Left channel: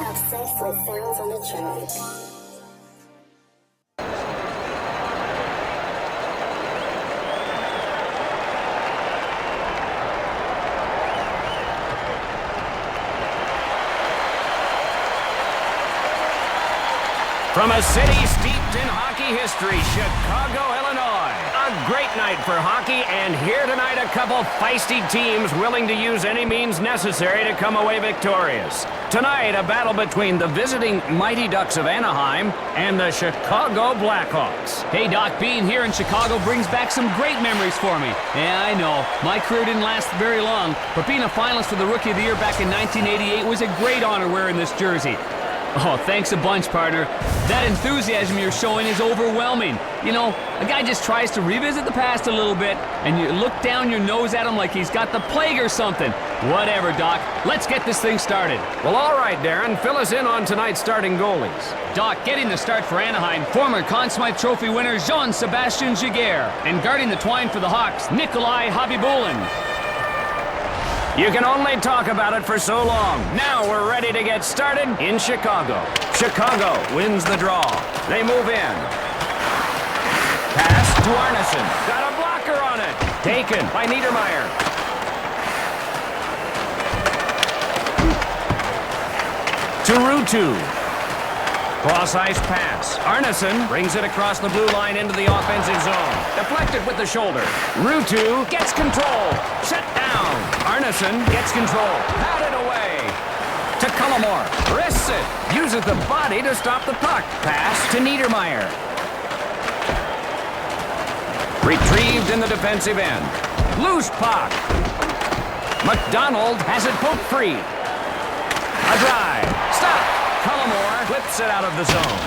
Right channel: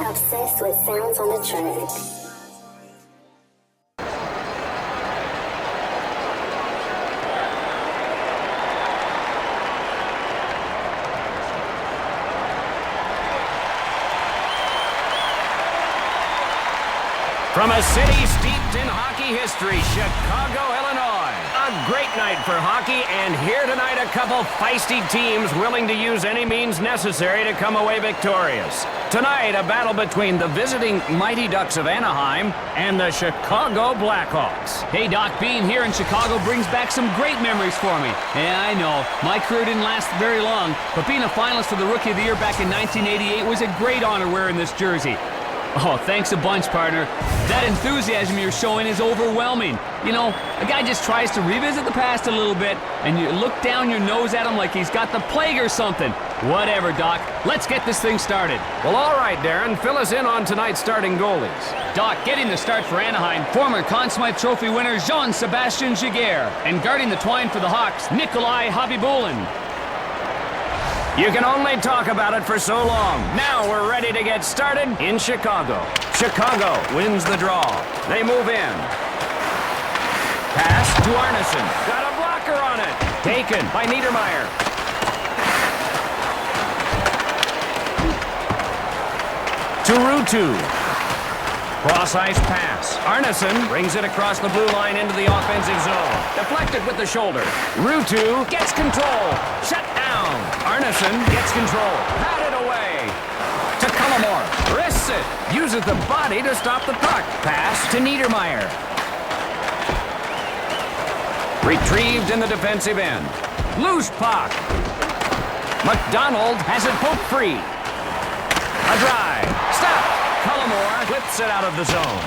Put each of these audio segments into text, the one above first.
Obsessed with sounds on the track. From a city steeped in hockey history, Chicago, Illinois. A great night for hockey, and here tonight a couple feisty teams willing to use any means necessary to come away victorious. Tonight, a battle between the visiting Mighty Ducks of Anaheim and the Chicago Blackhawks. Hey, Doc, being here in Chicago brings back some great memories for me. Yeah, I know. My career didn't last very long, but being a finalist for the Rookie of the Year back in 1988 was a great honor wearing this jersey. Oh, thanks a bunch, partner. That enthusiasm you're showing is overwhelming. You know, a guy just tries to revisit the past a little bit, and you look down your nose at him like he's got the plague or something. Whatever, Doc. Let's get this thing started. Well, all right, Darren. Fill us in on tonight's starting goalies. Doc, getting the start for Anaheim, former Conn Smythe Trophy winner Jean-Sébastien Giguère. And guarding the twine for the Hawks, Nikolai Habibulin. You can only talk about it for so long. Now we're ready to get started in Chicago. Chicago wins the draw. They move in. Pass to Arneson. Got a blocker on it. Taken by Niedermeyer. To Ruutu. Cross-ice pass. Arneson brings it across the blue line into the offensive zone. Deflected with the shoulder. Ruutu gets control. Shut down. Arneson gets control. Patted away. To Cullimore. Wrists it. Uses the body to stop the puck. Pass to Niedermeyer. Retrieved in the defensive end. Loose puck. McDonald has it poked free. A drive. Stop. Cullimore flips it out of the zone.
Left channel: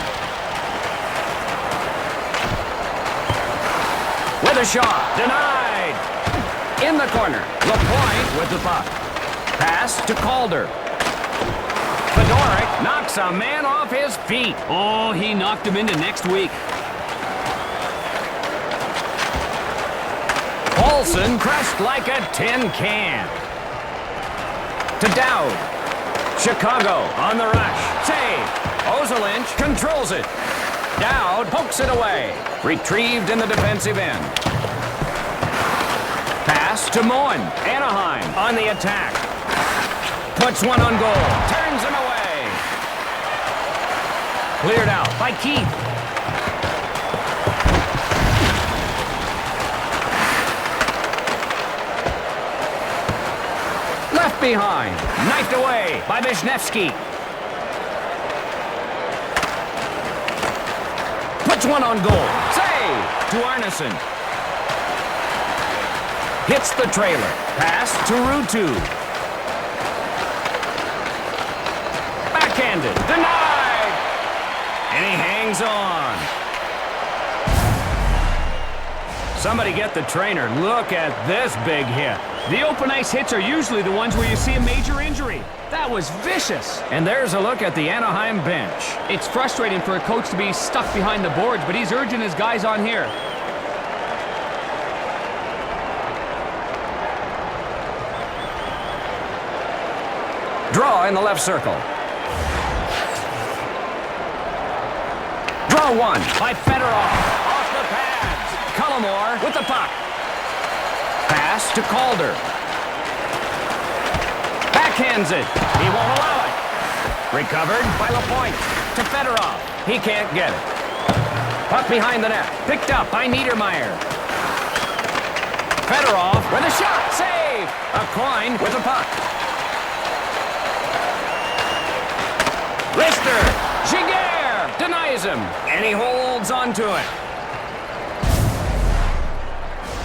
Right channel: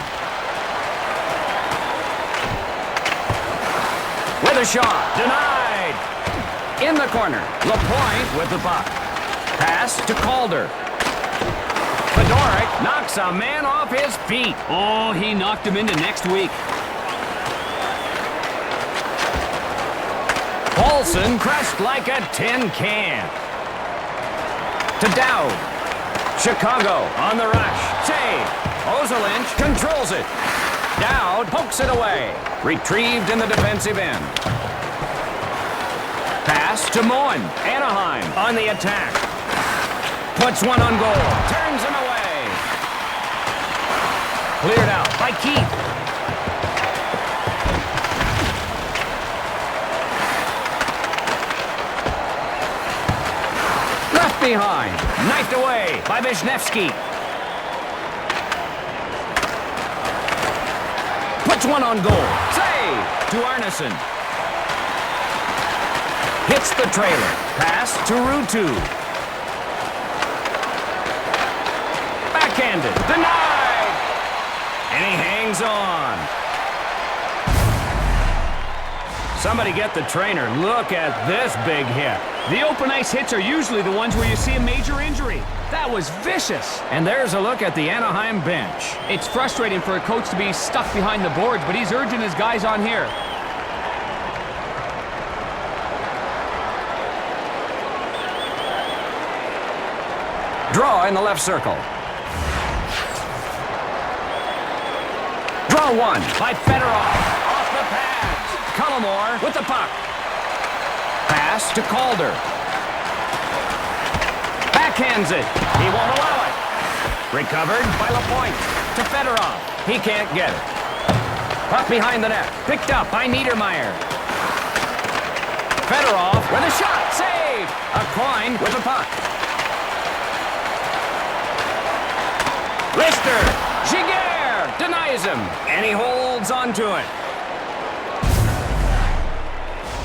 With a shot. Denied. In the corner. LaPointe with the puck. Pass to Calder. Fedoruk knocks a man off his feet. Oh, he knocked him into next week. Paulson crushed like a tin can. To Dowd. Chicago on the rush. Save. Ozolinsh controls it. Dowd pokes it away. Retrieved in the defensive end. Pass to Moen. Anaheim on the attack. Puts one on goal. Turns him away. Cleared out by Keith. Left behind. Knifed away by Wisniewski. Puts one on goal. Save to Arneson. Hits the trailer. Pass to Ruutu. Backhanded. Denied. And he hangs on. Somebody get the trainer. Look at this big hit. The open ice hits are usually the ones where you see a major injury. That was vicious. And there's a look at the Anaheim bench. It's frustrating for a coach to be stuck behind the boards, but he's urging his guys on here. Draw in the left circle. Draw one by Fedoruk. Off the pads. Cullimore with the puck. Pass to Calder. Backhands it. He won't allow it. Recovered by LaPointe. To Fedoruk. He can't get it. Puck behind the net. Picked up by Niedermeyer. Fedoruk with a shot. Save. A coin with the puck. Lister. Giguère denies him. And he holds on to it.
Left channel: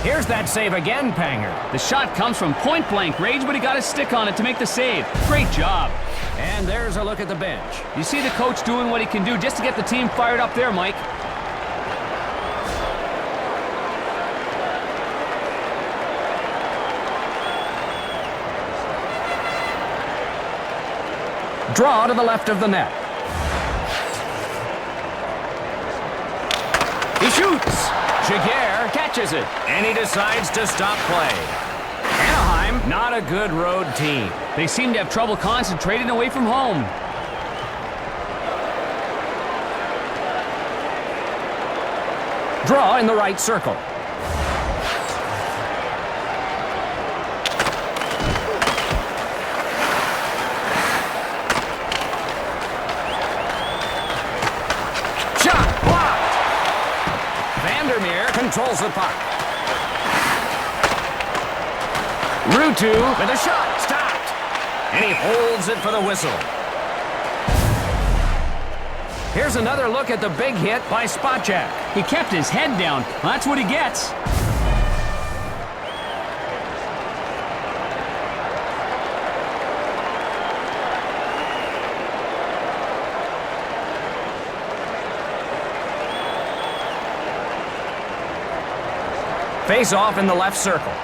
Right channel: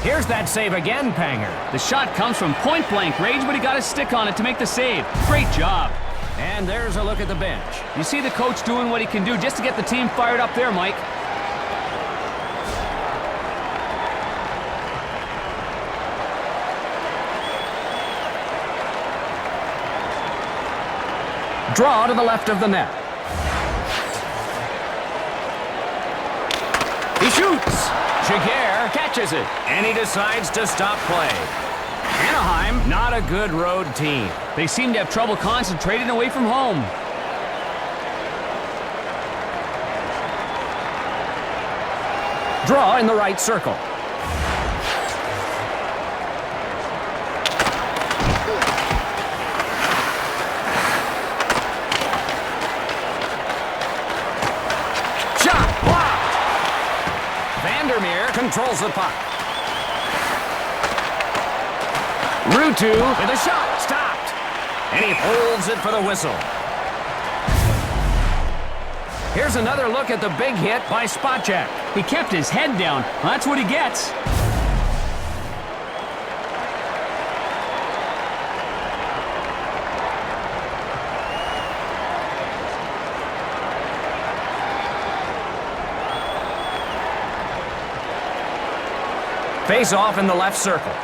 Here's that save again, Panger. The shot comes from point-blank range, but he got his stick on it to make the save. Great job. And there's a look at the bench. You see the coach doing what he can do just to get the team fired up there, Mike. Draw to the left of the net. He shoots. Giguère catches it, and he decides to stop play. Anaheim, not a good road team. They seem to have trouble concentrating away from home. Draw in the right circle. Shot blocked. Vandermeer controls the puck. Ruutu with a shot, stopped. And he holds it for the whistle. Here's another look at the big hit by Spacek. He kept his head down. Well, that's what he gets. Face off in the left circle.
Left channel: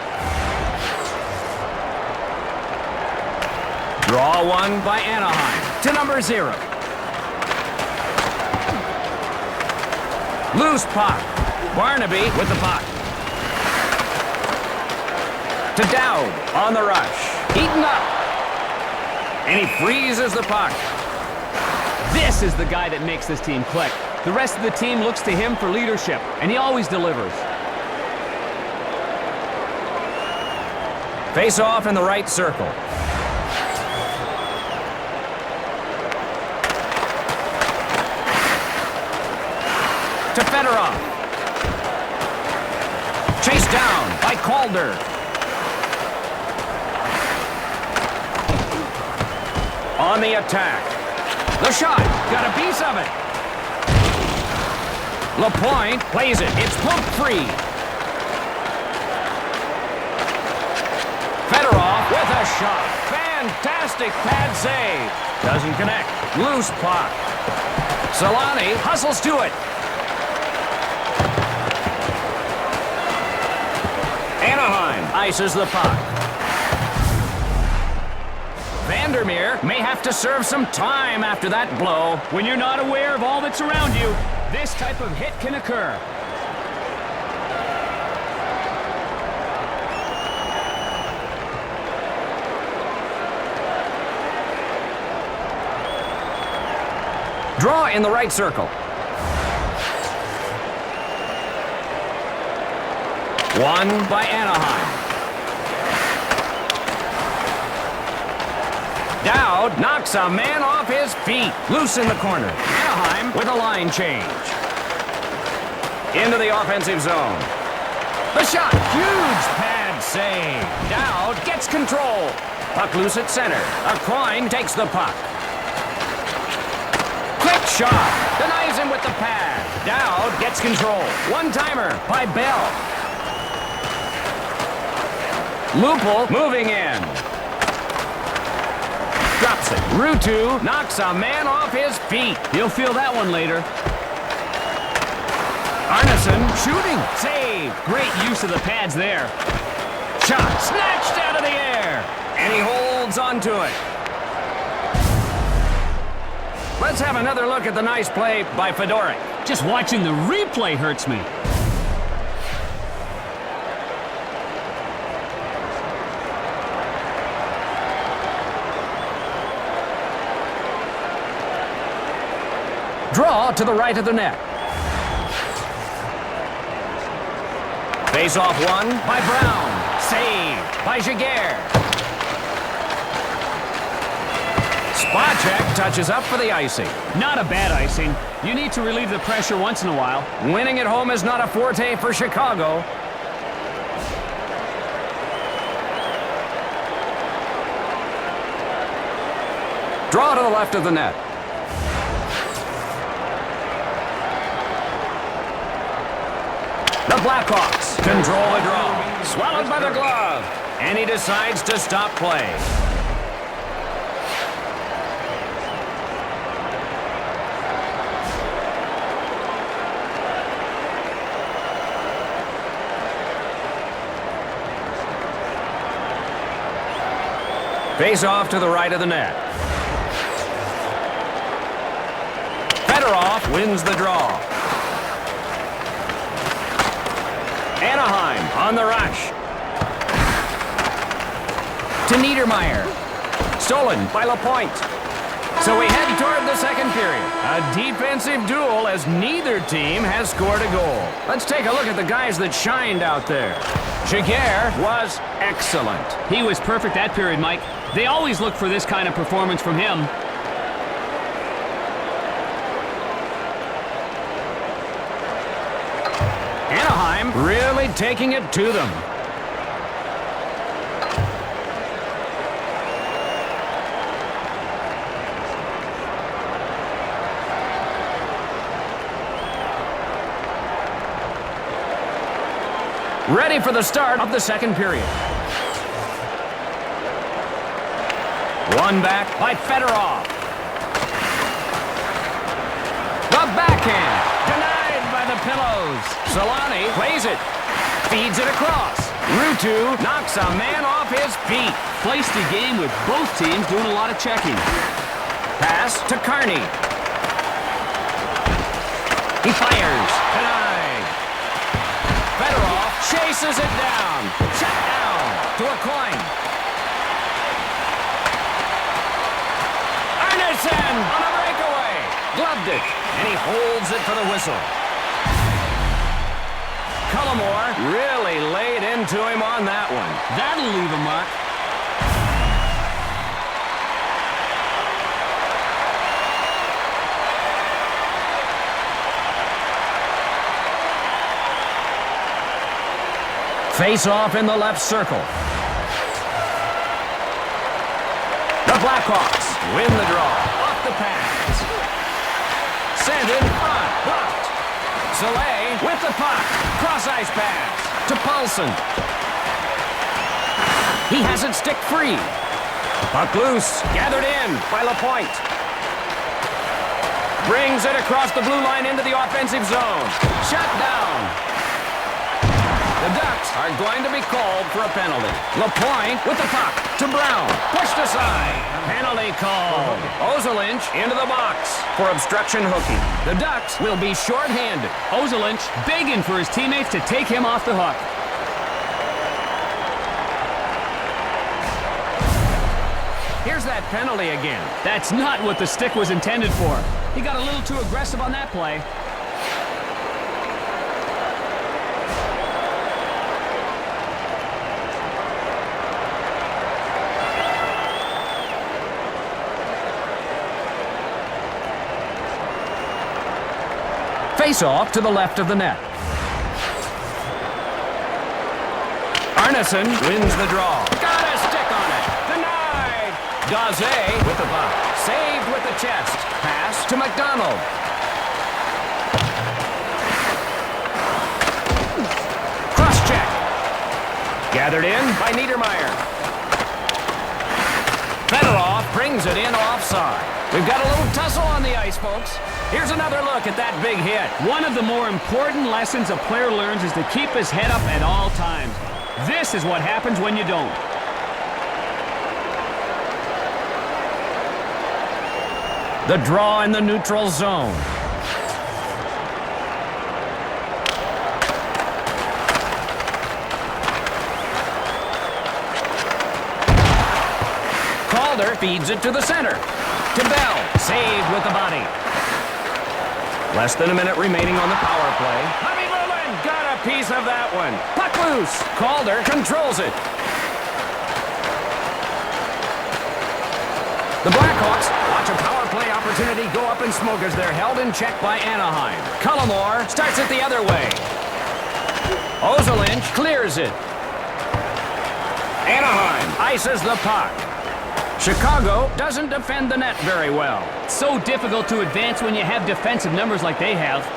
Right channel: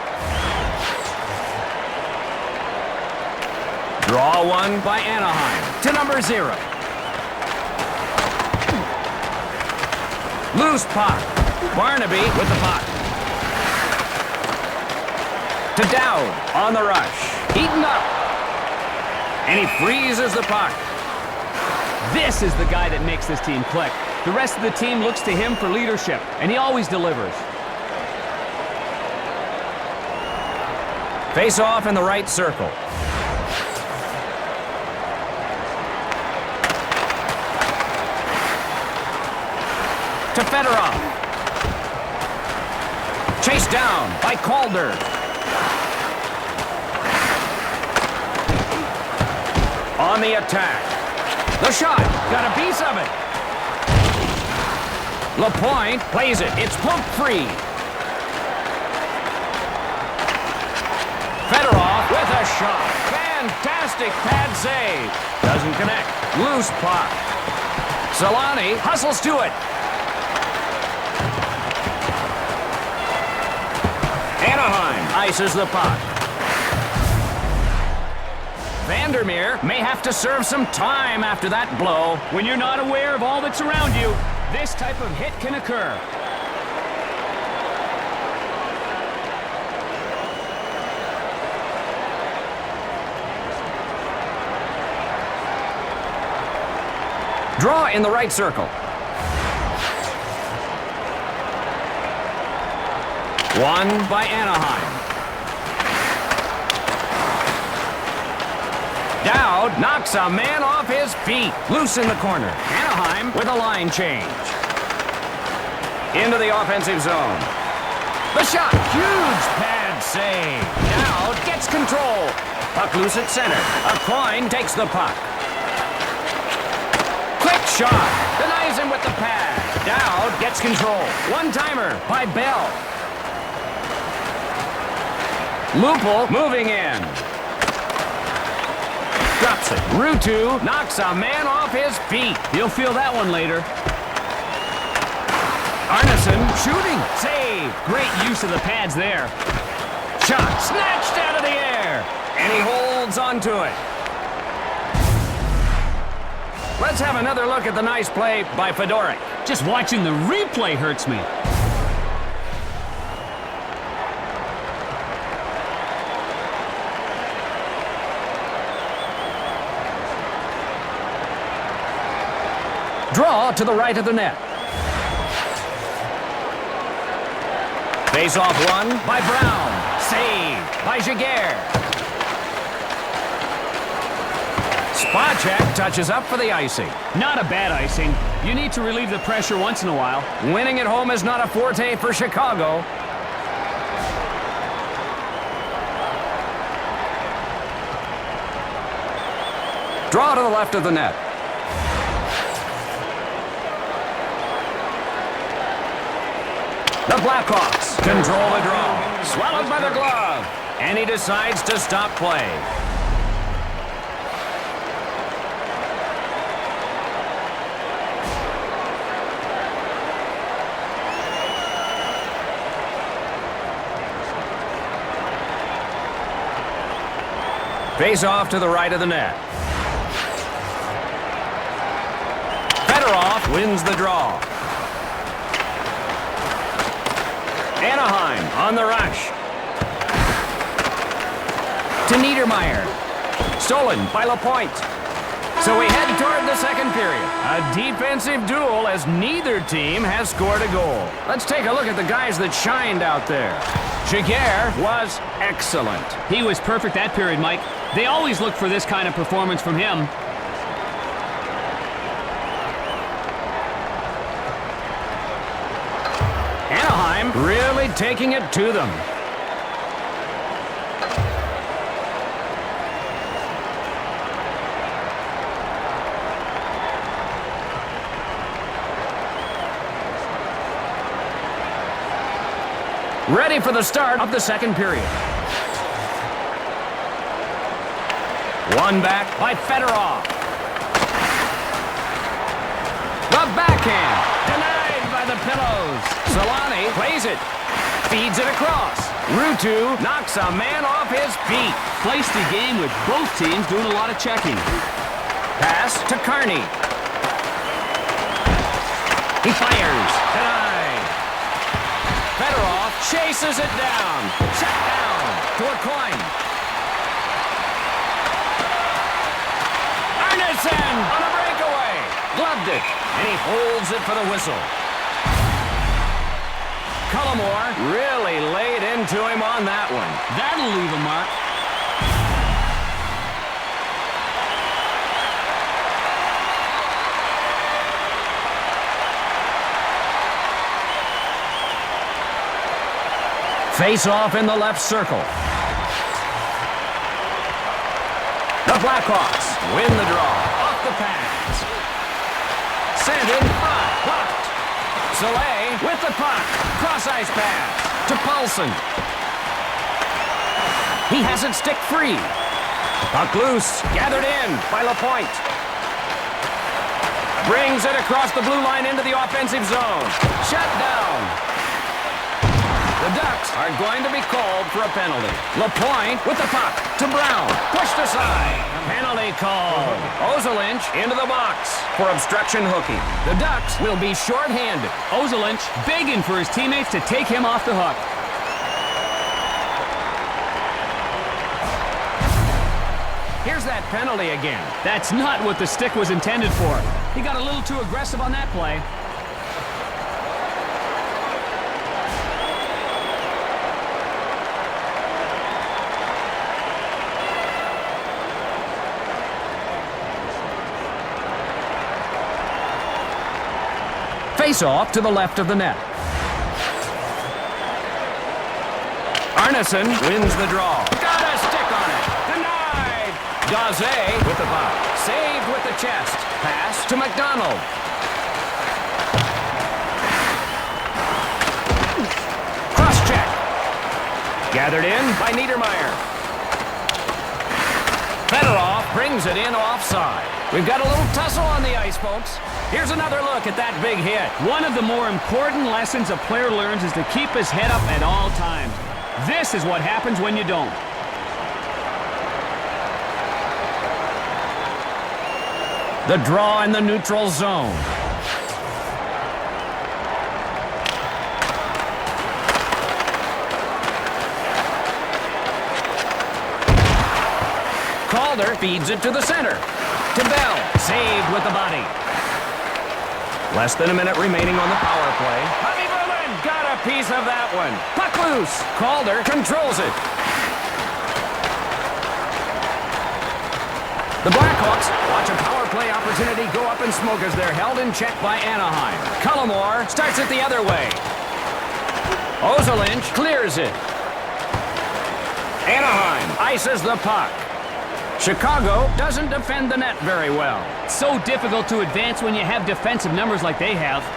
Draw one by Anaheim to number 0. Loose puck. Barnaby with the puck. To Dowd on the rush. Eaten up. And he freezes the puck. This is the guy that makes this team click. The rest of the team looks to him for leadership, and he always delivers. Face off in the right circle. To Fedorov. Chased down by Calder. On the attack. The shot. Got a piece of it. LaPointe plays it. It's pumped free. Fedorov with a shot. Fantastic pad save. Doesn't connect. Loose puck. Solani hustles to it. Anaheim ices the puck. Vandermeer may have to serve some time after that blow. When you're not aware of all that's around you, this type of hit can occur. Draw in the right circle. One by Anaheim. Dowd knocks a man off his feet. Loose in the corner. Anaheim with a line change. Into the offensive zone. The shot. Huge pad save. Dowd gets control. Puck loose at center. A coin takes the puck. Quick shot. Denies him with the pad. Dowd gets control. One-timer by Bell. Lupul moving in. Drops it. Ruutu knocks a man off his feet. You'll feel that one later. Arneson shooting. Save. Great use of the pads there. Shot snatched out of the air. And he holds onto it. Let's have another look at the nice play by Fedoruk. Just watching the replay hurts me. Draw to the right of the net. Face off one by Brown. Saved by Jaguar. Spacek touches up for the icing. Not a bad icing. You need to relieve the pressure once in a while. Winning at home is not a forte for Chicago. Draw to the left of the net. The Blackhawks control the draw. Swallowed by the glove. And he decides to stop play. Face off to the right of the net. Fedorov wins the draw. Anaheim on the rush. To Niedermeyer. Stolen by LaPointe. So we head toward the second period. A defensive duel as neither team has scored a goal. Let's take a look at the guys that shined out there. Giguère was excellent. He was perfect that period, Mike. They always look for this kind of performance from him. Anaheim really taking it to them. Ready for the start of the second period. One back by Fedorov. The backhand. Denied by the pillows. Solani plays it. Feeds it across. Ruutu knocks a man off his feet. Feisty game with both teams doing a lot of checking. Pass to Carney. He fires. Denied. Fedorov chases it down. Shut down to a coin. Arneson on a breakaway. Gloved it, and he holds it for the whistle. Cullimore really laid into him on that one. That'll leave a mark. Face off in the left circle. The Blackhawks win the draw. Off the pass. Sent in front. Blocked. Soleil with the puck. Cross-ice pass to Paulson. He has it stick free. Puck loose. Gathered in by Lapointe. Brings it across the blue line into the offensive zone. Shut down. The Ducks are going to be called for a penalty. Lapointe with the puck to Brown. Pushed aside. Penalty called. Ozolinch into the box for obstruction hooking. The Ducks will be shorthanded. Ozolinch begging for his teammates to take him off the hook. Here's that penalty again. That's not what the stick was intended for. He got a little too aggressive on that play. Face off to the left of the net. Arneson wins the draw. Got a stick on it. Denied. Daze with the puck. Saved with the chest. Pass to McDonald. Cross-check. Gathered in by Niedermeyer. Fedorov brings it in offside. We've got a little tussle on the ice, folks. Here's another look at that big hit. One of the more important lessons a player learns is to keep his head up at all times. This is what happens when you don't. The draw in the neutral zone. Calder feeds it to the center. To Bell. Saved with the body. Less than a minute remaining on the power play. Bobby Bullen got a piece of that one. Puck loose. Calder controls it. The Blackhawks watch a power play opportunity go up in smoke as they're held in check by Anaheim. Cullimore starts it the other way. Ozolinch clears it. Anaheim ices the puck. Chicago doesn't defend the net very well. It's so difficult to advance when you have defensive numbers like they have.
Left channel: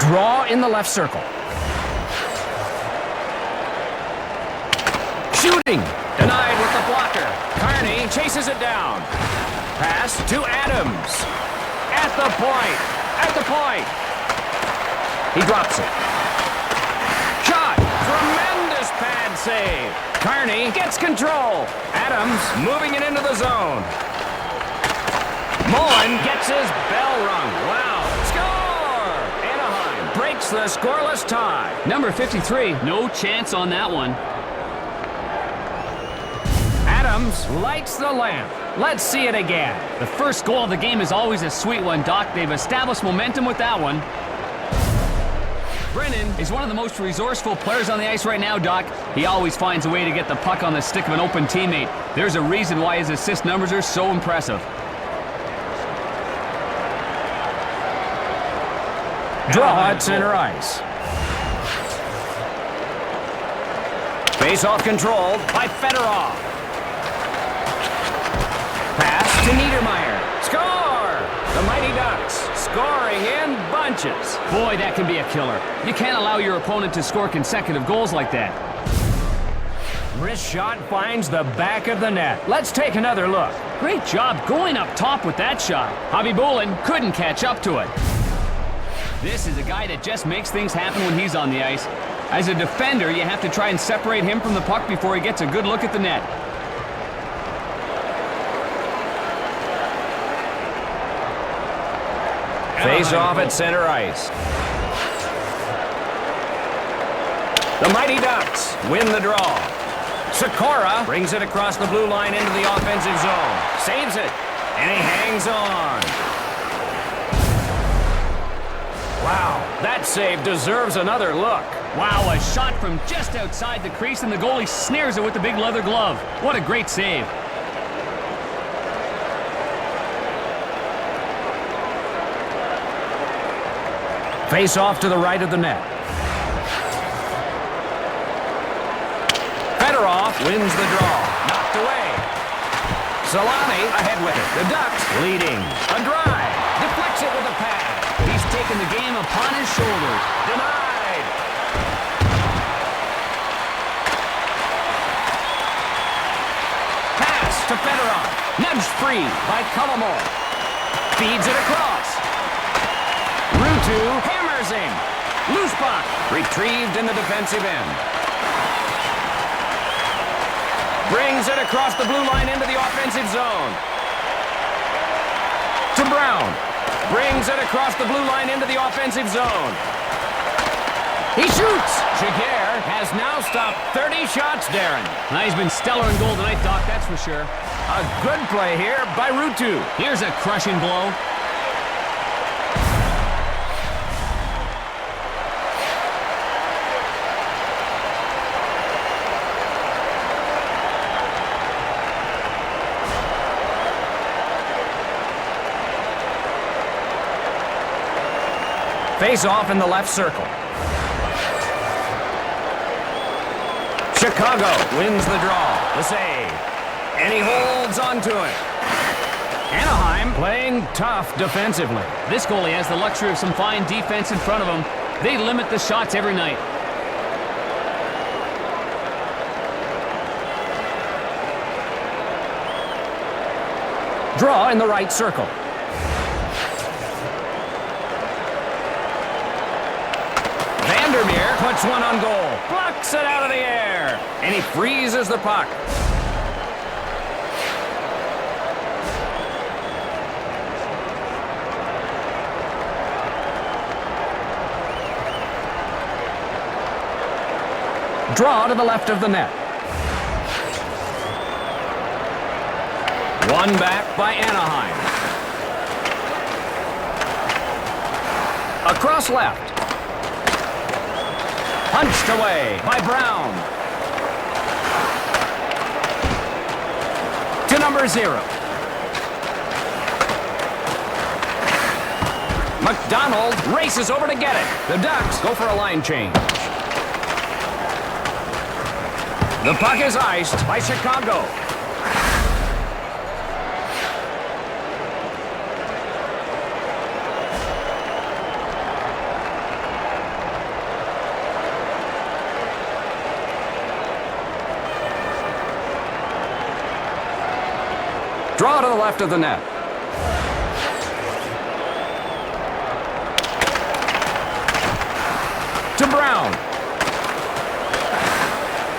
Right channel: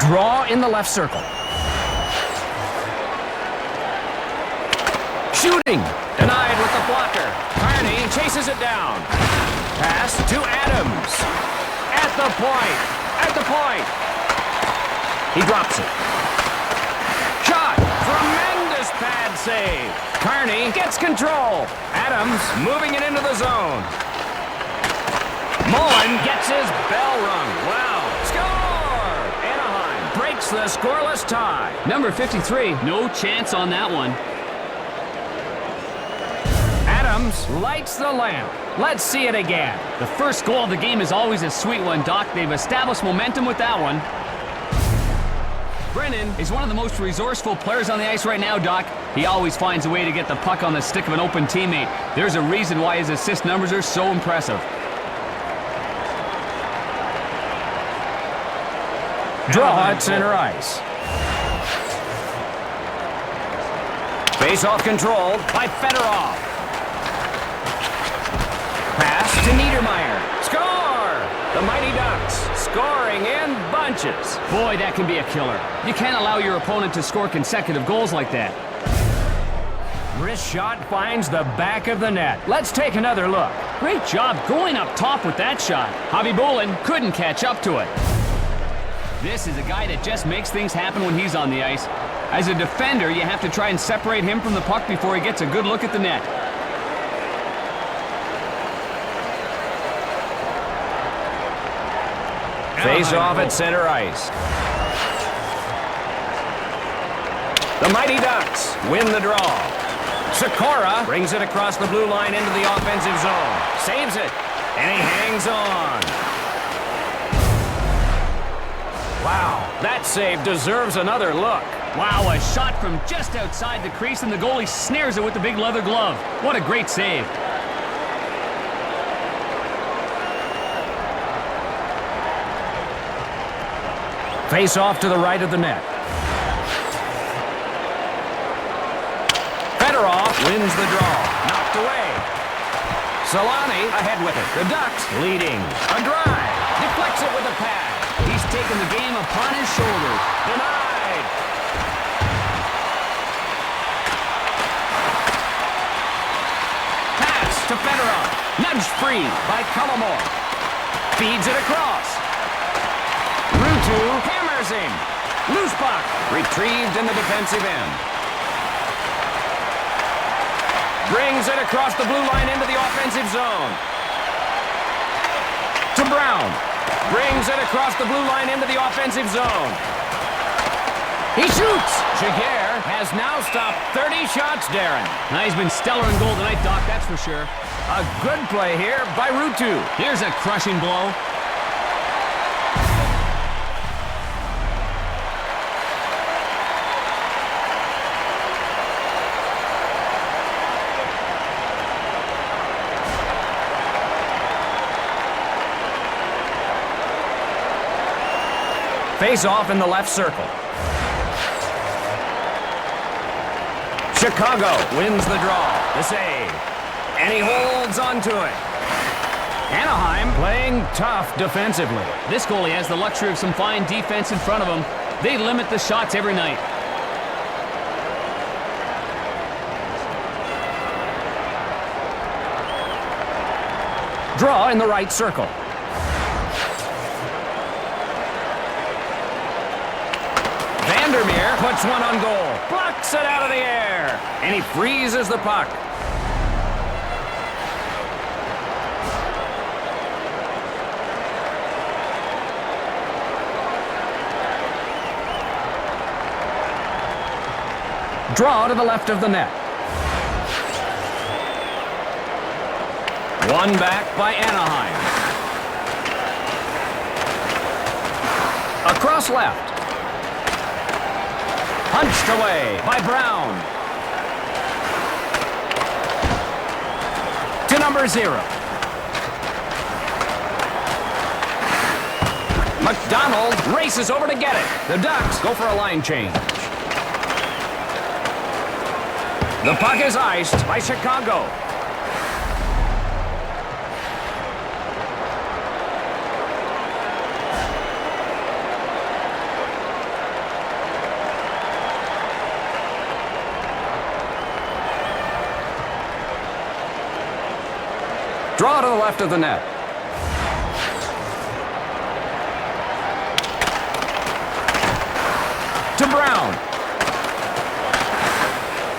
Draw in the left circle. Shooting. Denied with the blocker. Carney chases it down. Pass to Adams. At the point. At the point. He drops it. Shot. Tremendous pad save. Carney gets control. Adams moving it into the zone. Mullen gets his bell rung. Wow. Score! Anaheim breaks the scoreless tie. Number 53, no chance on that one. Adams lights the lamp. Let's see it again. The first goal of the game is always a sweet one, Doc. They've established momentum with that one. Brennan is one of the most resourceful players on the ice right now, Doc. He always finds a way to get the puck on the stick of an open teammate. There's a reason why his assist numbers are so impressive. Draw at center ice. Face-off controlled by Fedorov. Pass to Niedermeyer. Score! The Mighty Ducks scoring in bunches. Boy, that can be a killer. You can't allow your opponent to score consecutive goals like that. Wrist shot finds the back of the net. Let's take another look. Great job going up top with that shot. Javi Bolin couldn't catch up to it. This is a guy that just makes things happen when he's on the ice. As a defender, you have to try and separate him from the puck before he gets a good look at the net. Face off at center ice. The Mighty Ducks win the draw. Sikora brings it across the blue line into the offensive zone. Saves it, and he hangs on. Wow, that save deserves another look. Wow, a shot from just outside the crease, and the goalie snares it with the big leather glove. What a great save. Face off to the right of the net. Fedorov wins the draw. Knocked away. Solani ahead with it. The Ducks leading. A drive. Deflects it with a pad. He's taken the game upon his shoulders. Denied. Pass to Fedorov. Nudged free by Cullimore. Feeds it across. Rutu hammers him. Loose puck. Retrieved in the defensive end. Brings it across the blue line into the offensive zone. To Brown. Brings it across the blue line into the offensive zone. He shoots. Jaguar has now stopped 30 shots, Darren. He's been stellar in goal tonight, Doc, that's for sure. A good play here by Rutu. Here's a crushing blow. Face off in the left circle. Chicago wins the draw. The save. And he holds on to it. Anaheim playing tough defensively. This goalie has the luxury of some fine defense in front of him. They limit the shots every night. Draw in the right circle. Vandermeer puts one on goal. Blocks it out of the air. And he freezes the puck. Draw to the left of the net. One back by Anaheim. Across left. Punched away by Brown. To number 0. McDonald races over to get it. The Ducks go for a line change. The puck is iced by Chicago. Draw to the left of the net. To Brown.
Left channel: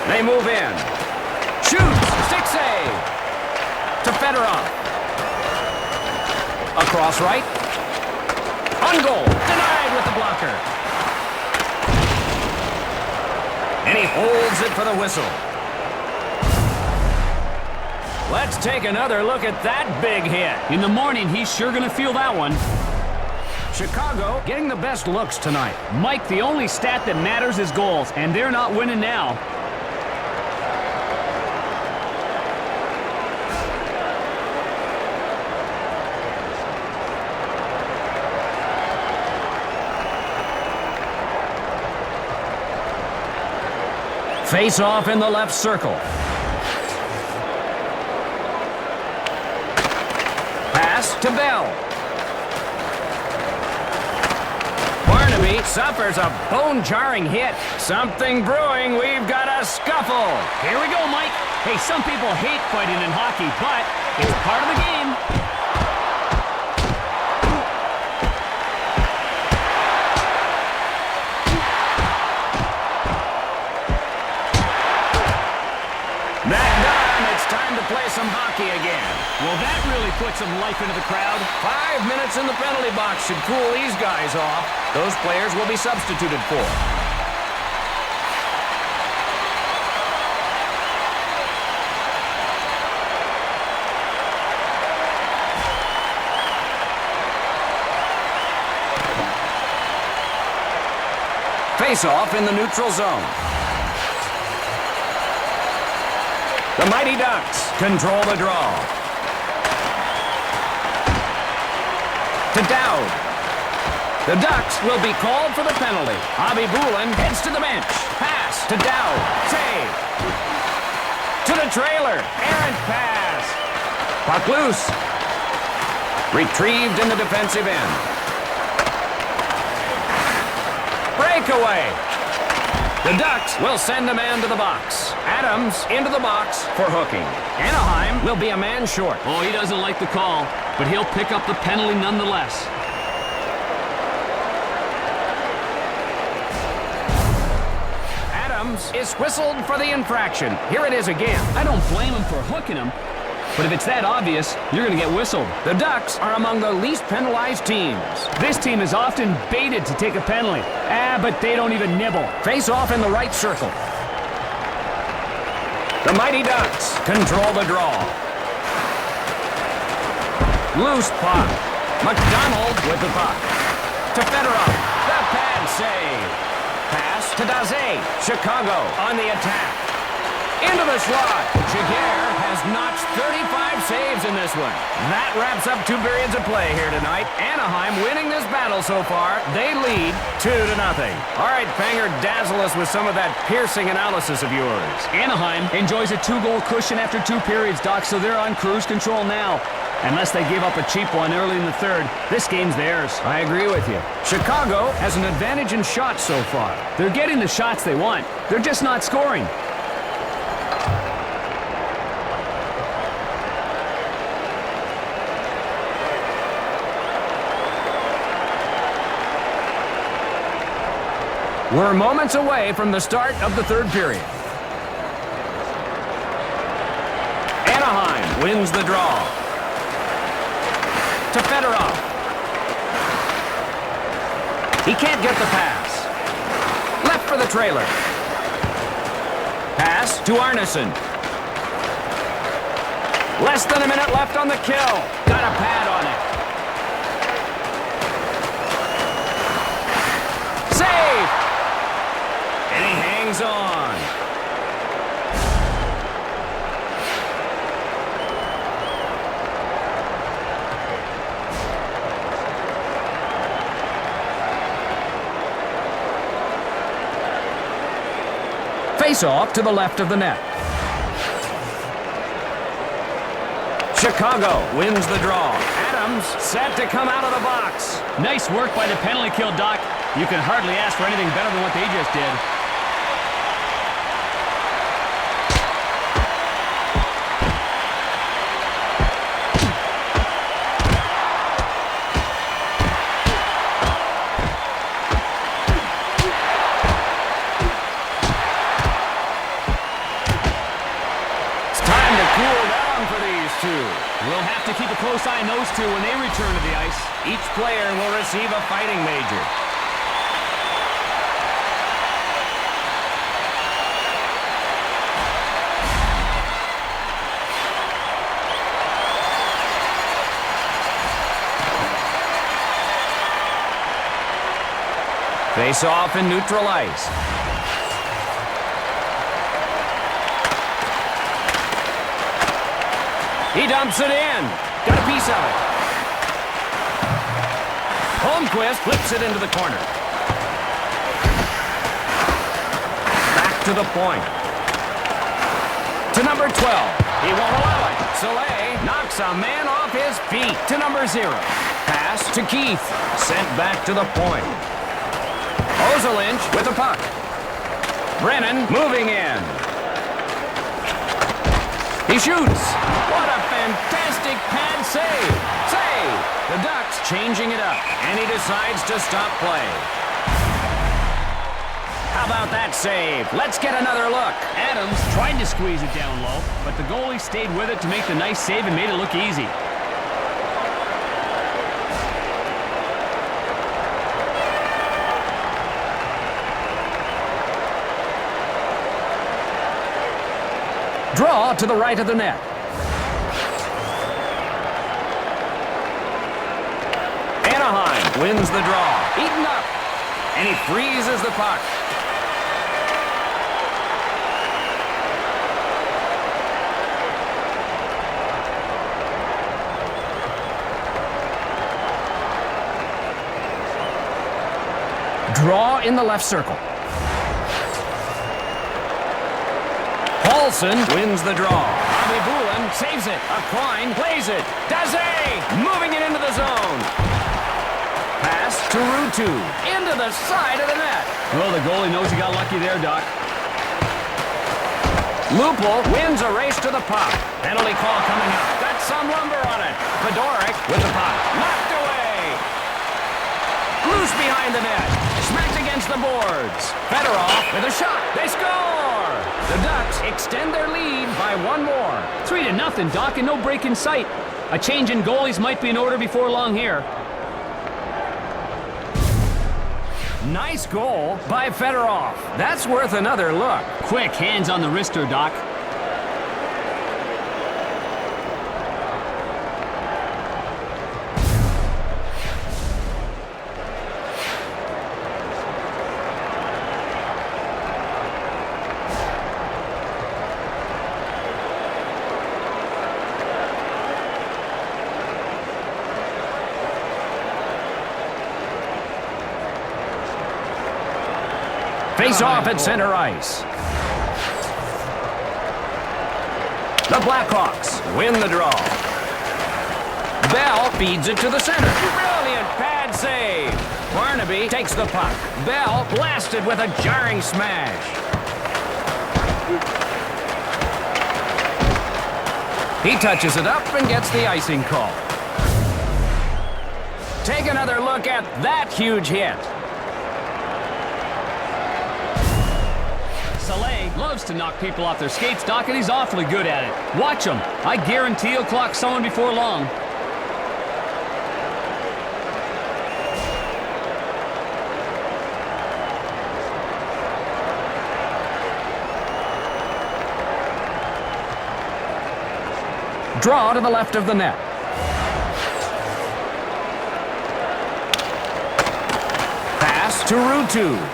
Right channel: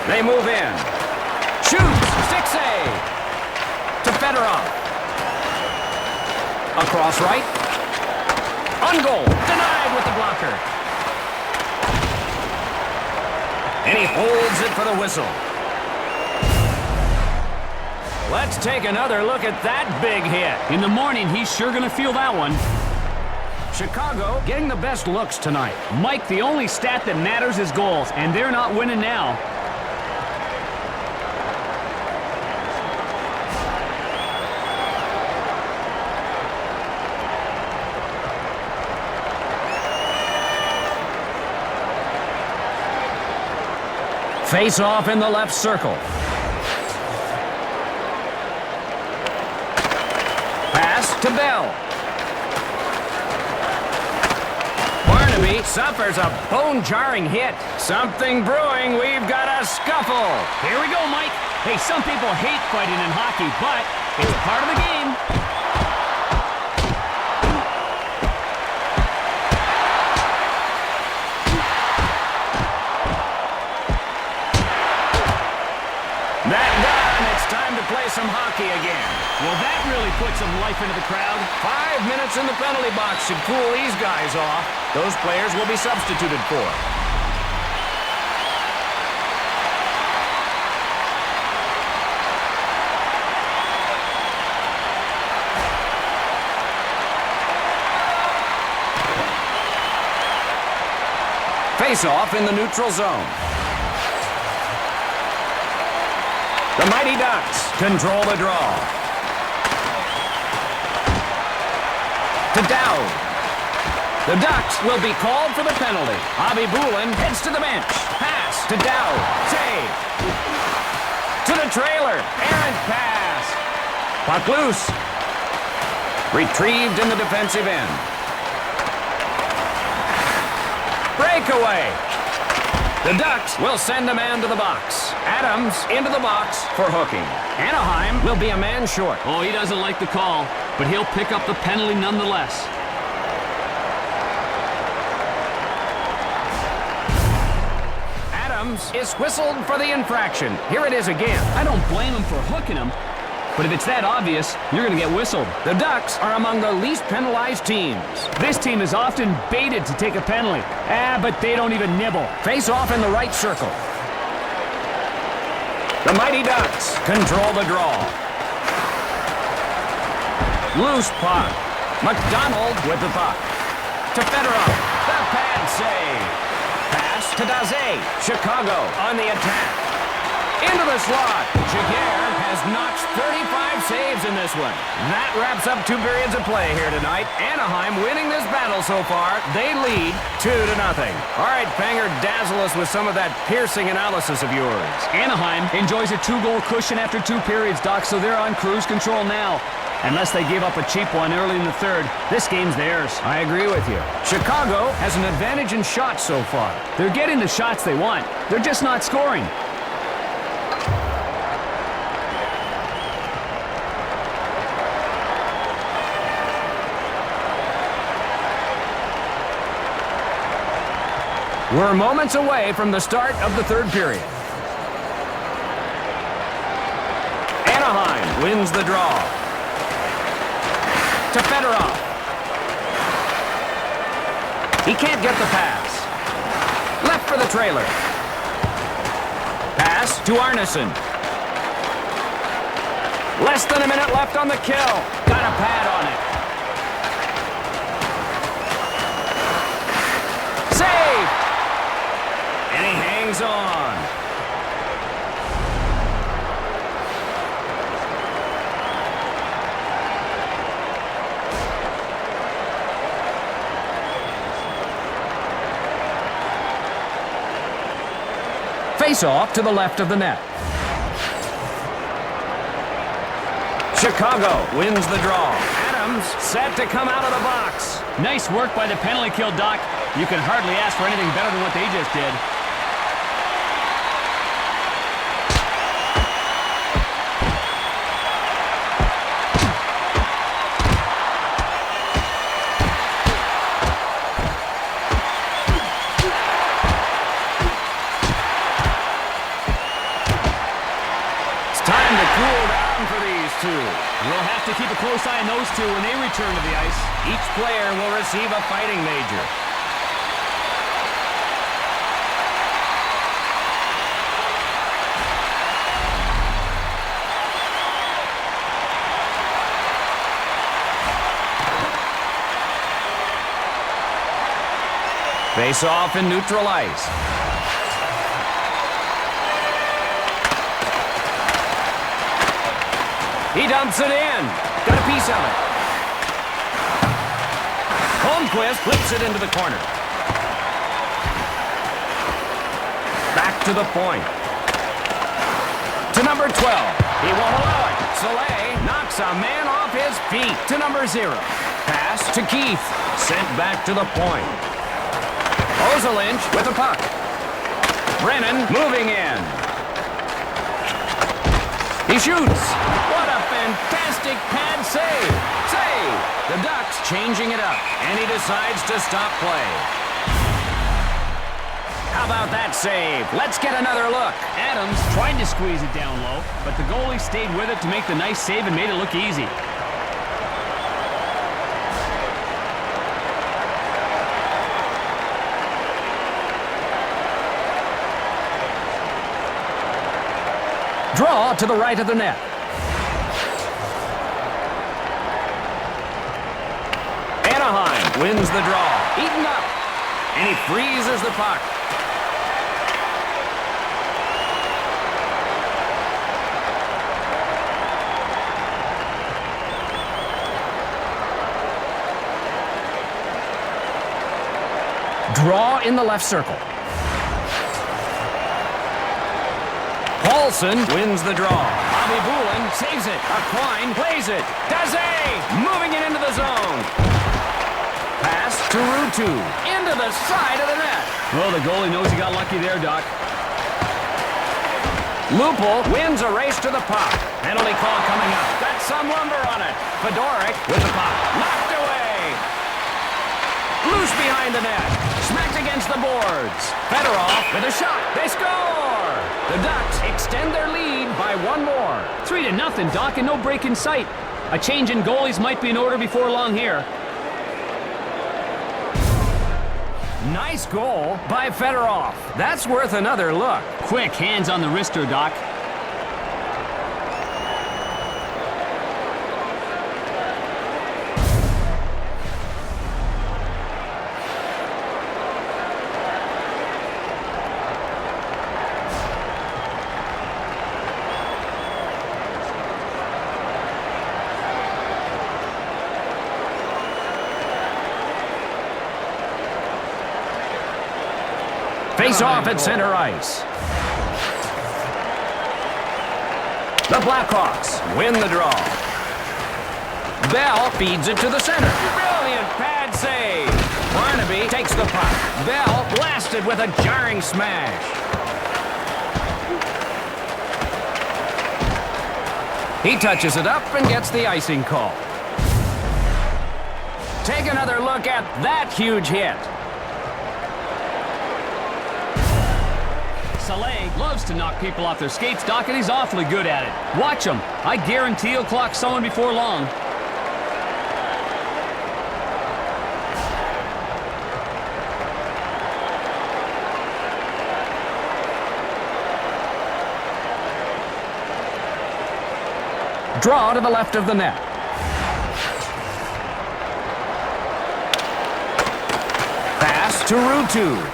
They move in. Shoots. Stick save. To Fedorov. Across right. On goal. Denied with the blocker. And he holds it for the whistle. Let's take another look at that big hit. In the morning, he's sure going to feel that one. Chicago getting the best looks tonight. Mike, the only stat that matters is goals, and they're not winning now. Face off in the left circle. Pass to Bell. Barnaby suffers a bone-jarring hit. Something brewing. We've got a scuffle. Here we go, Mike. Hey, some people hate fighting in hockey, but it's part of the game. That done, it's time to play some hockey again. Well, that really put some life into the crowd. 5 minutes in the penalty box should cool these guys off. Those players will be substituted for. Face-off in the neutral zone. The Mighty Ducks control the draw. To Dowd. The Ducks will be called for the penalty. Abibulin heads to the bench. Pass to Dowd. Save. To the trailer. Errant pass. Puck loose. Retrieved in the defensive end. Breakaway. The Ducks will send a man to the box. Adams into the box for hooking. Anaheim will be a man short. Oh, he doesn't like the call, but he'll pick up the penalty nonetheless. Adams is whistled for the infraction. Here it is again. I don't blame him for hooking him, but if it's that obvious, you're going to get whistled. The Ducks are among the least penalized teams. This team is often baited to take a penalty. But they don't even nibble. Face off in the right circle. The Mighty Ducks control the draw. Loose puck. McDonald with the puck. To Fedorov. The pad save. Pass to Daze. Chicago on the attack. Into the slot. Jaguar has notched 35 saves in this one. That wraps up 2 periods of play here tonight. Anaheim winning this battle so far. They lead 2-0. All right, Panger, dazzle us with some of that piercing analysis of yours. Anaheim enjoys a 2-goal cushion after 2 periods, Doc, so they're on cruise control now. Unless they give up a cheap one early in the third, this game's theirs. I agree with you. Chicago has an advantage in shots so far. They're getting the shots they want. They're just not scoring. We're moments away from the start of the third period. Anaheim wins the draw. To Fedorov. He can't get the pass. Left for the trailer. Pass to Arneson. Less than a minute left on the kill. Got a pad on it. Save! And he hangs on. Face off to the left of the net. Chicago wins the draw. Adams set to come out of the box. Nice work by the penalty kill, Doc. You can hardly ask for anything better than what they just did. Time to cool down for these two. We'll have to keep a close eye on those two when they return to the ice. Each player will receive a fighting major. Face off in neutral ice. He dumps it in. Got a piece of it. Holmquist flips it into the corner. Back to the point. To number 12. He won't allow it. Soleil knocks a man off his feet. To number 0. Pass to Keith. Sent back to the point. Ozelinch with the puck. Brennan moving in. He shoots. What a fantastic pad save. Save. The Ducks changing it up, and he decides to stop play. How about that save? Let's get another look. Adams tried to squeeze it down low, but the goalie stayed with it to make the nice save and made it look easy. Draw to the right of the net. Anaheim wins the draw. Eaten up. And he freezes the puck. Draw in the left circle. Paulson wins the draw. Bobby Boulin saves it. Aquine plays it. Daze moving it into the zone. Pass to Rutu into the side of the net. Well, the goalie knows he got lucky there, Doc. Lupul wins a race to the puck. Penalty call coming up. Got some lumber on it. Fedoruk with the puck. Knocked away. Loose behind the net. Smacked against the boards. Fedorov with a shot. They score! The Ducks extend their lead by one more. 3-0, Doc, and no break in sight. A change in goalies might be in order before long here. Nice goal by Fedorov. That's worth another look. Quick hands on the wrister, Doc. Face off at center ice. The Blackhawks win the draw. Bell feeds it to the center. Brilliant pad save. Barnaby takes the puck. Bell blasted with a jarring smash. He touches it up and gets the icing call. Take another look at that huge hit. Soleil loves to knock people off their skates, Doc, and he's awfully good at it. Watch him. I guarantee he'll clock someone before long. Draw to the left of the net. Pass to Rutu.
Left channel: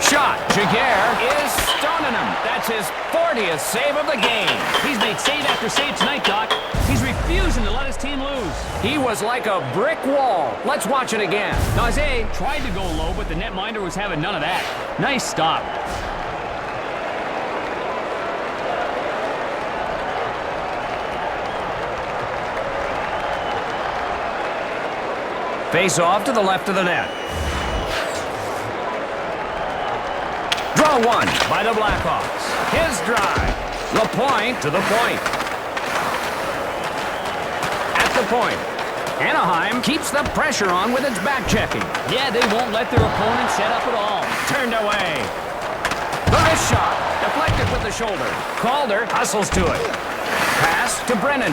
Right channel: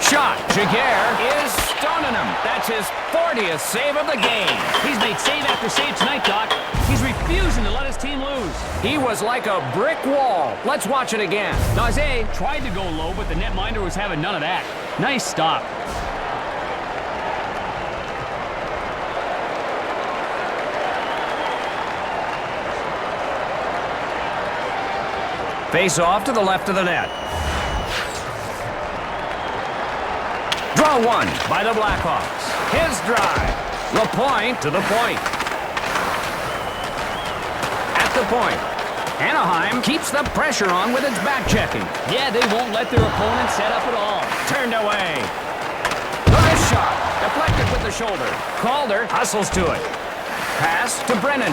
Shot. Jaguar is stoning him. That's his 40th save of the game. He's made save after save tonight, Doc. He's refusing to let his team lose. He was like a brick wall. Let's watch it again. Daze tried to go low, but the netminder was having none of that. Nice stop. Face off to the left of the net. Draw one by the Blackhawks. His drive. LaPointe to the point. At the point. Anaheim keeps the pressure on with its back checking. Yeah, they won't let their opponent set up at all. Turned away. The Wrist shot. Deflected with the shoulder. Calder hustles to it. Pass to Brennan.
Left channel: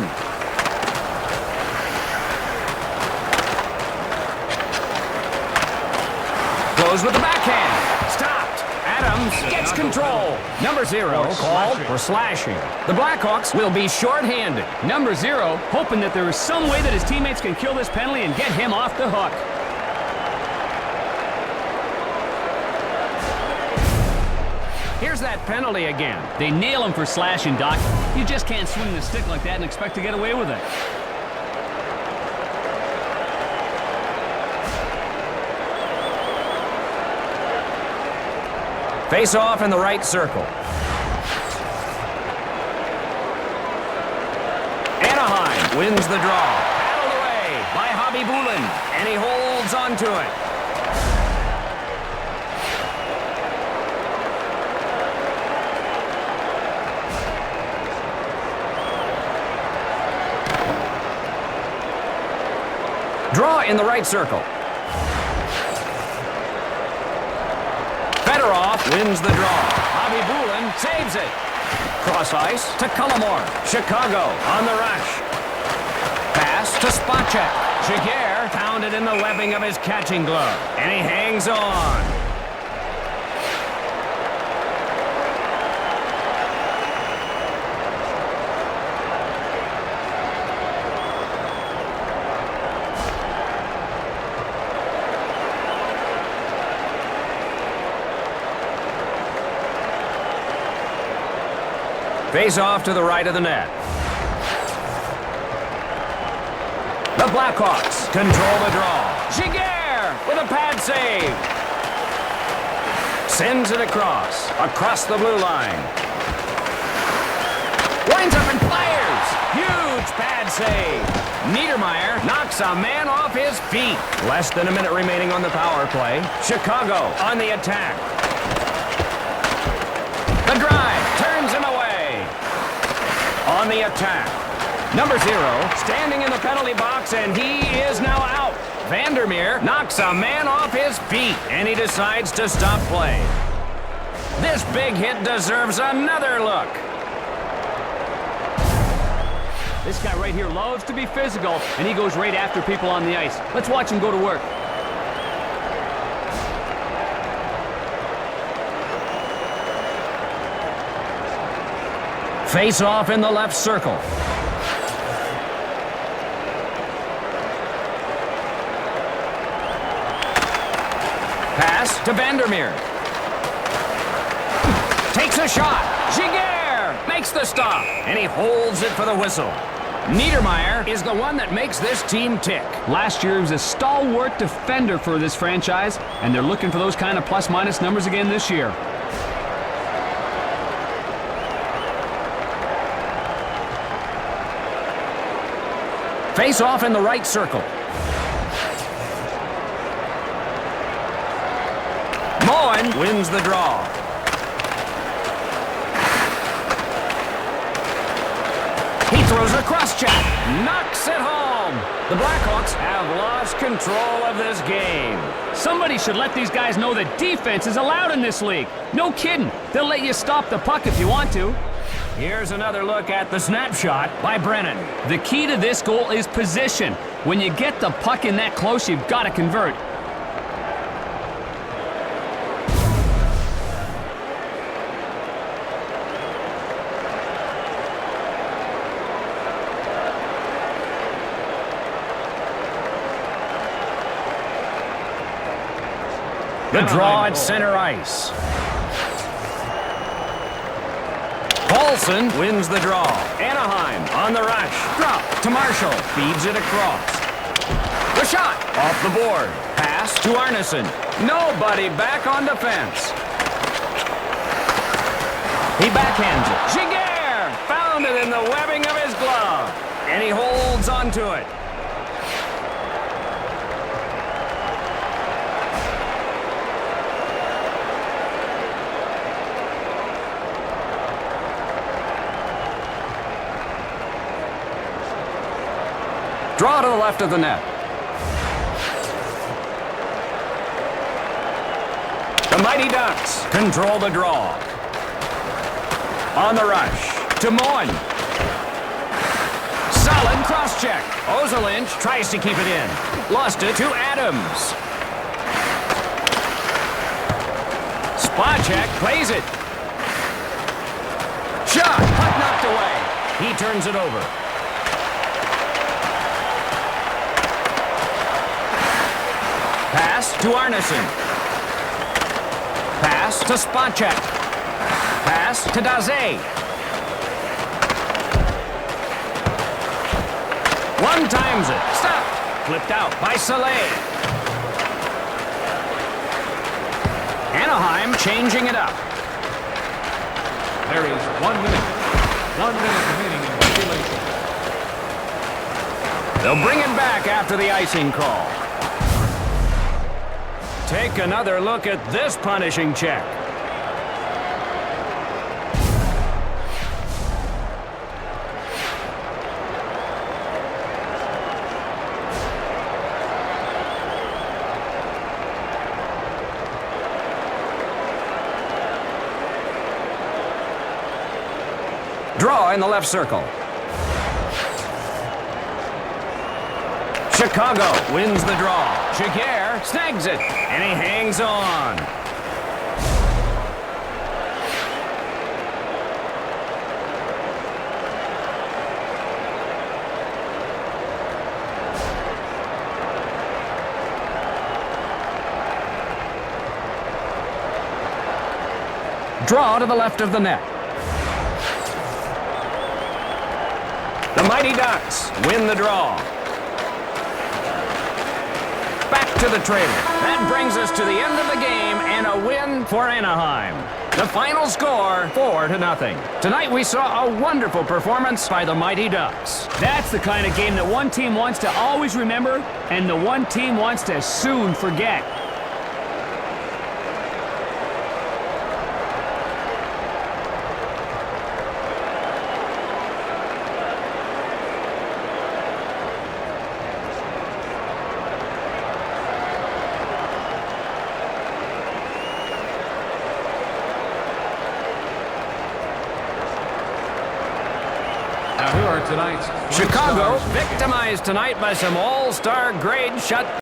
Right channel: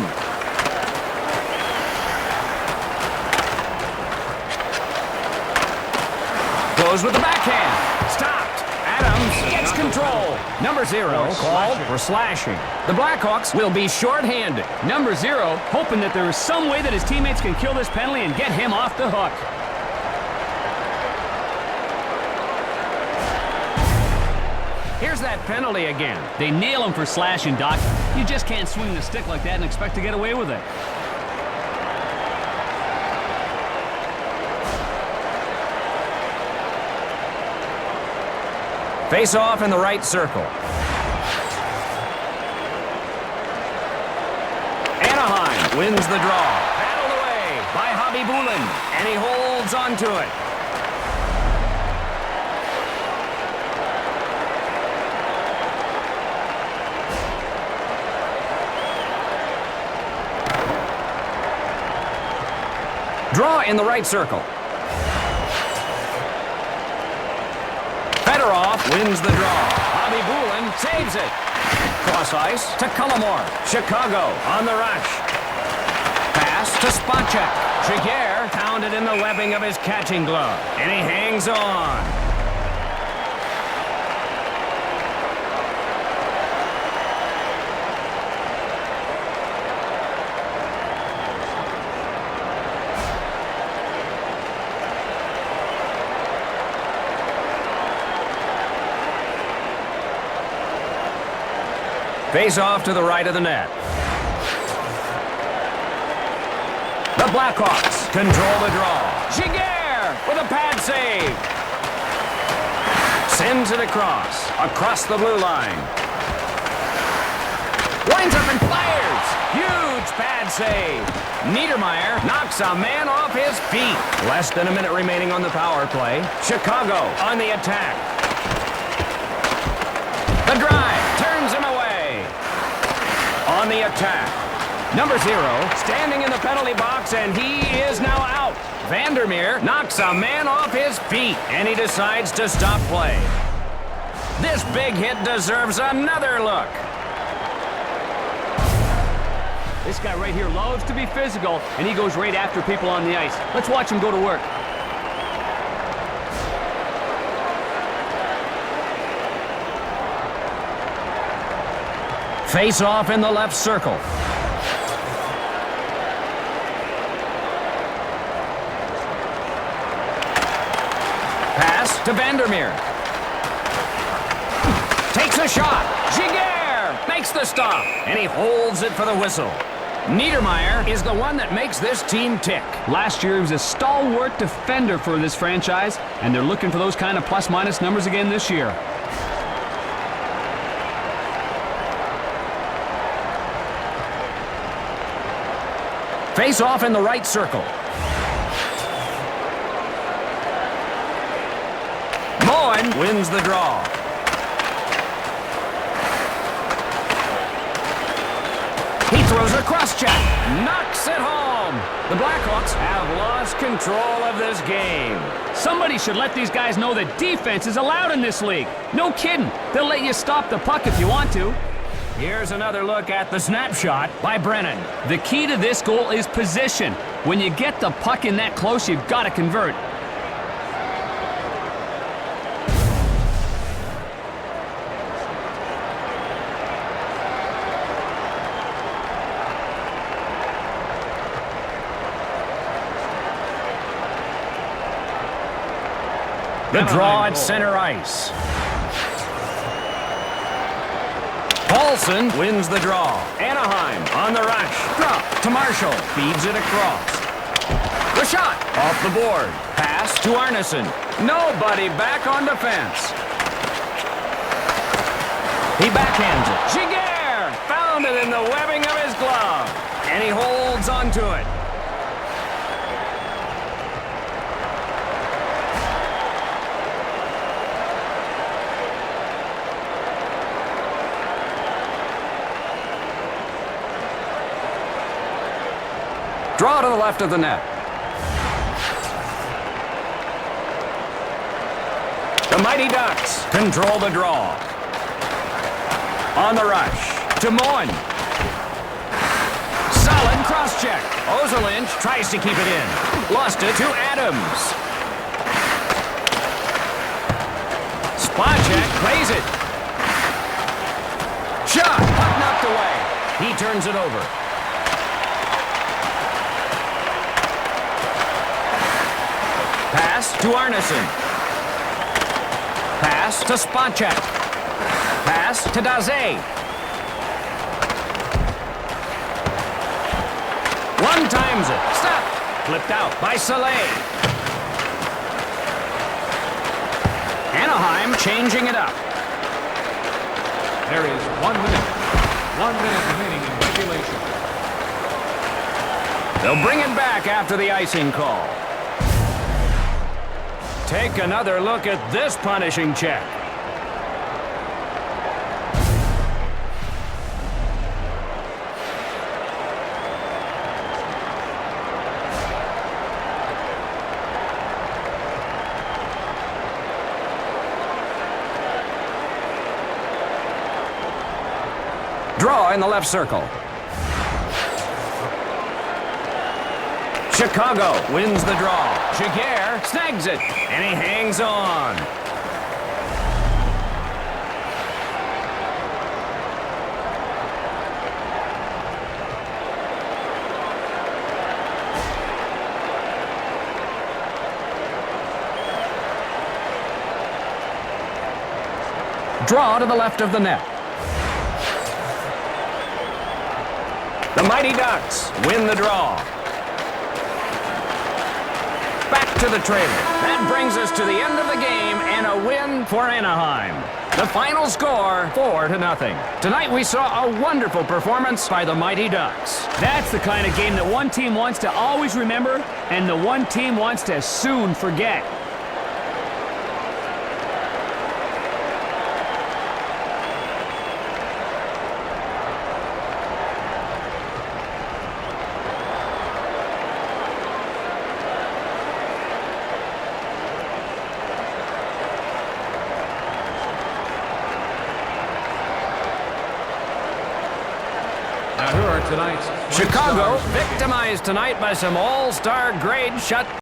Goes with the backhand. Stopped. Adams gets control. Number 0 called for slashing. The Blackhawks will be short-handed. Number 0 hoping that there is some way that his teammates can kill this penalty and get him off the hook. Here's that penalty again. They nail him for slashing, Doc. You just can't swing the stick like that and expect to get away with it. Face off in the right circle. Anaheim wins the draw. Paddled away by Hobby Bulin, and he holds onto it. Draw in the right circle. Fedorov wins the draw. Hobby Bulin saves it. Cross ice to Cullimore. Chicago on the rush. Pass to Spacek. Jaguar pounded in the webbing of his catching glove, and he hangs on. Face off to the right of the net. The Blackhawks control the draw. Jaguar with a pad save. Sends it across the blue line. Winds up and fires. Huge pad save. Niedermeyer knocks a man off his feet. Less than a minute remaining on the power play. Chicago on the attack. The drive turns him away. On the attack. Number 0 standing in the penalty box, and he is now out. Vandermeer knocks a man off his feet, and he decides to stop play. This big hit deserves another look. This guy right here loves to be physical, and he goes right after people on the ice. Let's watch him go to work. Face off in the left circle. Pass to Vandermeer. Takes a shot. Jaguar makes the stop, and he holds it for the whistle. Niedermeyer is the one that makes this team tick. Last year, he was a stalwart defender for this franchise, and they're looking for those kind of plus-minus numbers again this year. Face off in the right circle. Moen wins the draw. He throws a cross-check. Knocks it home. The Blackhawks have lost control of this game. Somebody should let these guys know that defense is allowed in this league. No kidding. They'll let you stop the puck if you want to. Here's another look at the snapshot by Brennan. The key to this goal is position. When you get the puck in that close, you've got to convert. The draw at center ice. Paulson wins the draw. Anaheim on the rush. Drop to Marshall. Feeds it across. The shot off the board. Pass to Arneson. Nobody back on defense. He backhands it. Jaguar found it in the webbing of his glove, and he holds onto it. Draw to the left of the net. The Mighty Ducks control the draw. On the rush. To Moen. Solid cross-check. Ozolinch tries to keep it in. Lost it to Adams. Spot check, plays it. Shot, puck knocked away. He turns it over. Pass to Arneson. Pass to Spacek. Pass to Daze. One times it. Stop. Flipped out by Saleh. Anaheim changing it up. There is 1 minute. 1 minute remaining in regulation. They'll bring it back after the icing call. Take another look at this punishing check. Draw in the left circle. Chicago wins the draw. Jaguar snags it, and he hangs on. Draw to the left of the net. The Mighty Ducks win the draw. Back to the trailer. That brings us to the end of the game and a win for Anaheim. The final score, 4-0. Tonight we saw a wonderful performance by the Mighty Ducks. That's the kind of game that one team wants to always remember and the one team wants to soon forget. Now here are tonight's Chicago stars of the game. victimized tonight by some all-star grade shut